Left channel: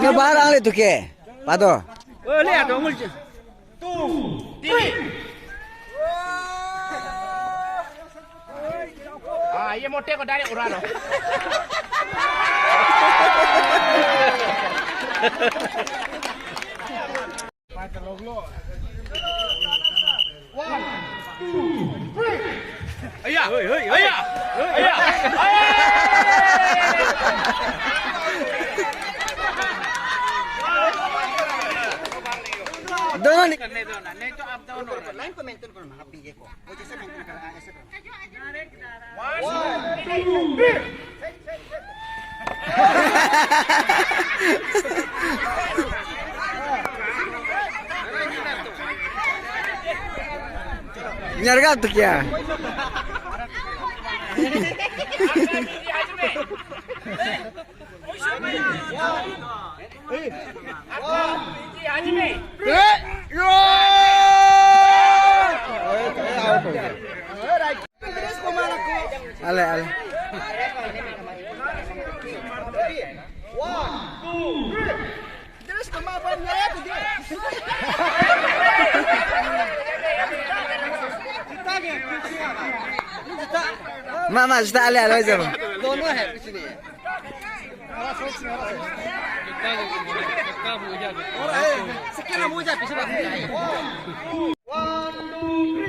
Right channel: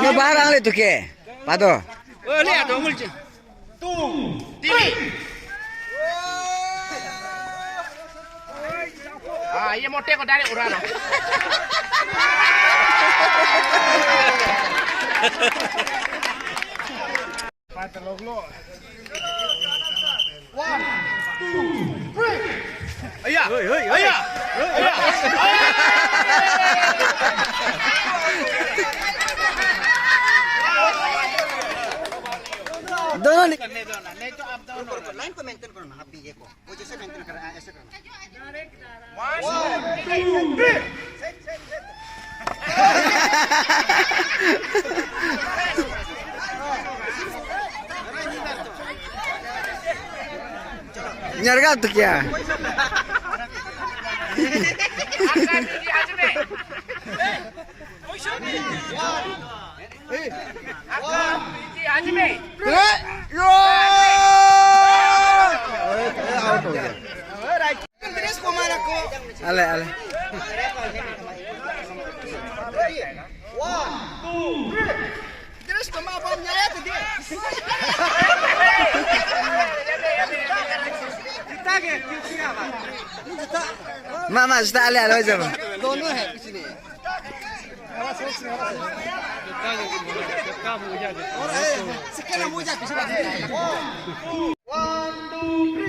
Nyo barang le tu ke. Pado. ये मोटे को डायरेक्ट उड़ा लो पांच लोग लो 1 2 3 अय्या अय्या अय्या दोनों करने दो ना नहीं तो आप दोनों लाइन को मेंटेन करो ना आप बीए को वो जैसे मेंटेन कर ऐसे करो 1 nyarga tu kya ale ale 1 2 3 terus kemampuannya ya tuh dia mama sudah ale ale aja दोनों है कुछ नहीं sekarang muja bisa 1 2 3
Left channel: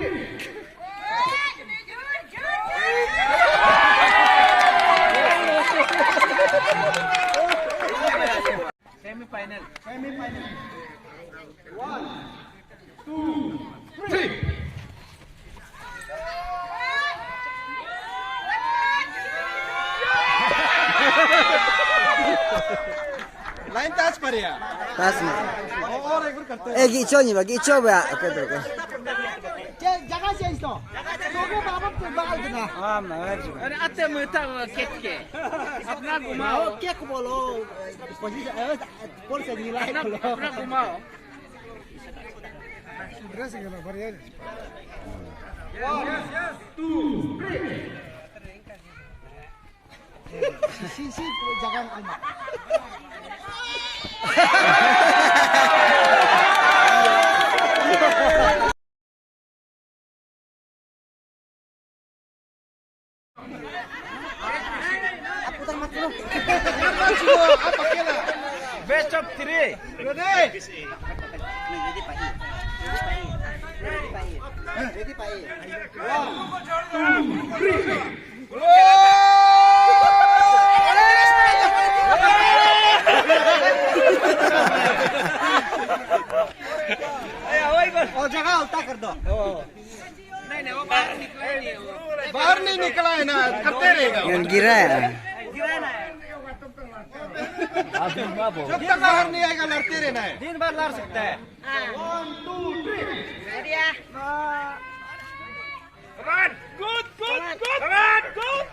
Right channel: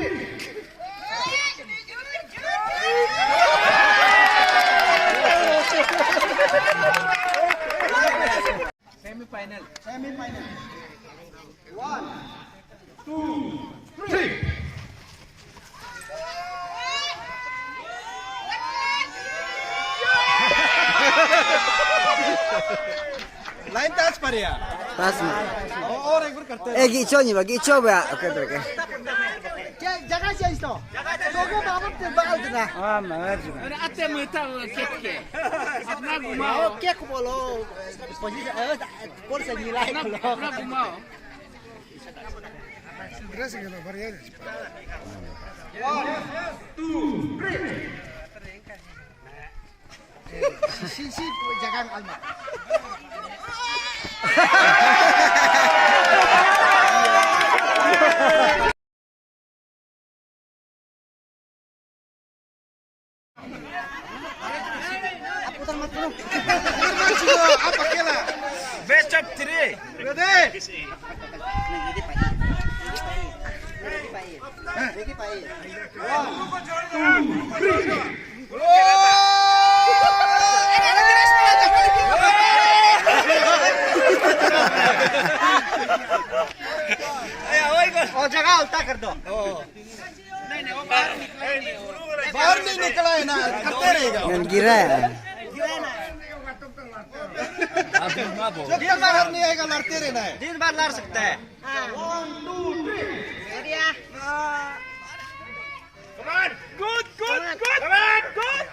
semifinal 1 2 3 line touch पर या tasma और एक बार करते gicho ba oke terke जगह चेंज तो लोगों का अब ते बाल देना अरे आते मता केक के अपना घुमाओ क्या को बोलो पोजीशन कौन से नीला है बोलो अपना घुमाओ ड्रेस के लो बढ़िया 1 2 3 sisi jangan alma putar mat dulu apa kira best of 3 ready ready pai 1 2 जगह उल्टा कर दो बाहर नहीं निकला है ना करते रहेगा ngan gira ya जब तक बाहर नहीं आएगा लड़ते रहना है 3 बार लड़ सकता है 1 2 3 ready good good good good